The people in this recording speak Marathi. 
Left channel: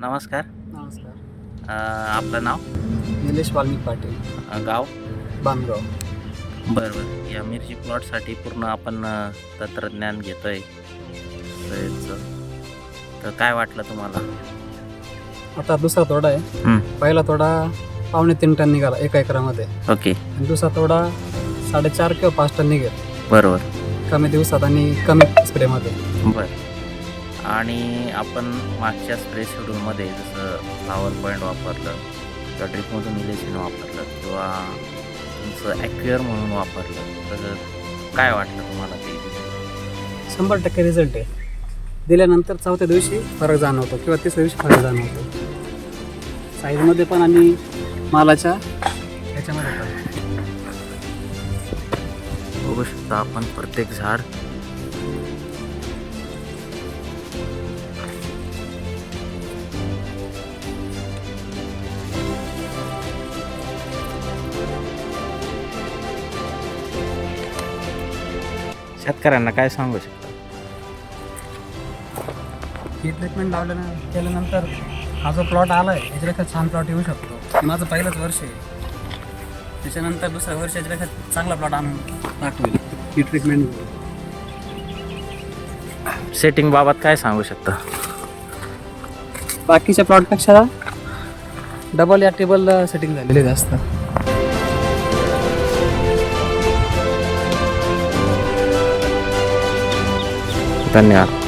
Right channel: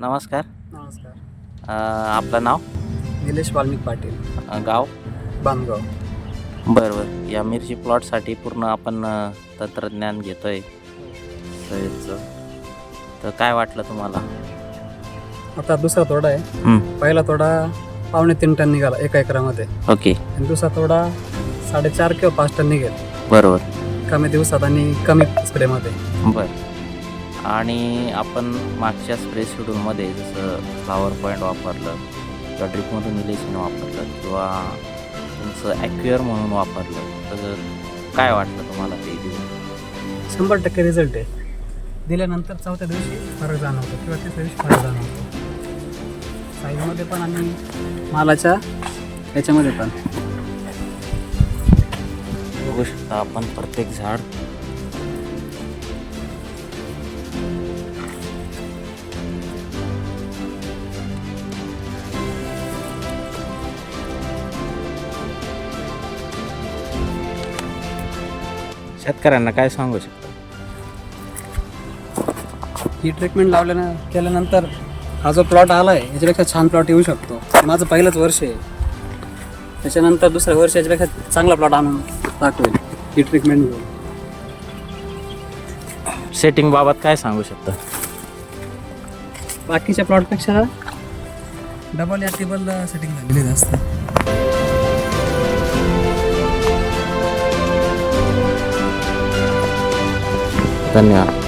नमस्कार. नमस्कार. अ, आपलं नाव? निलेश वाल्मिक पाटील. अ, गाव? बांधगाव बरं बरं. या मिरची प्लॉटसाठी पूर्ण आपण अ, तंत्रज्ञान घेतो आहे तर काय वाटलं तुम्हाला? आता दुसरा तोडा आहे. पहिला तोडा पावणे तीन टन निघाला एका एकरामध्ये. ओके. आणि दुसरा तोडा साडेचार किंवा पाच टन निघेल. बरोबर. कमी दिवसात आणि कमी स्प्रेमध्ये. बरं. आणि आपण मागच्या स्प्रे शेड्यूलमध्ये जसं फ्लावर पॉईंट वापरलं किंवा ड्रिपमधून इलेक्शन वापरलं किंवा तुमचं ॲक्युअर म्हणून वापरलं तर काय वाटलं तुम्हाला ते शंभर टक्के रिझल्ट आहे. दिल्यानंतर चौथ्या दिवशी फरक जाणवतो किंवा तिसऱ्या दिवशी फरक जाणवतो. साईजमध्ये पण आणि मालाच्या याच्यामध्ये पण बघू शकता आपण प्रत्येक झाड शेतकऱ्यांना काय सांगू शकता? ही ट्रीटमेंट लावल्यानं केल्यानंतर हा जो प्लॉट आला आहे याच्यापेक्षा छान प्लॉट येऊ शकतो. माझं पहिलंच वर्ष आहे. त्याच्यानंतर दुसऱ्या वर्ष याच्यापेक्षा चांगला प्लॉट आणून दाखवेल ही ट्रीटमेंट सेटिंग बाबत काय सांगू शकता? बाकीच्या प्लॉटपेक्षा डबल या टेबल सेटिंग झालेली जास्त. धन्यवाद.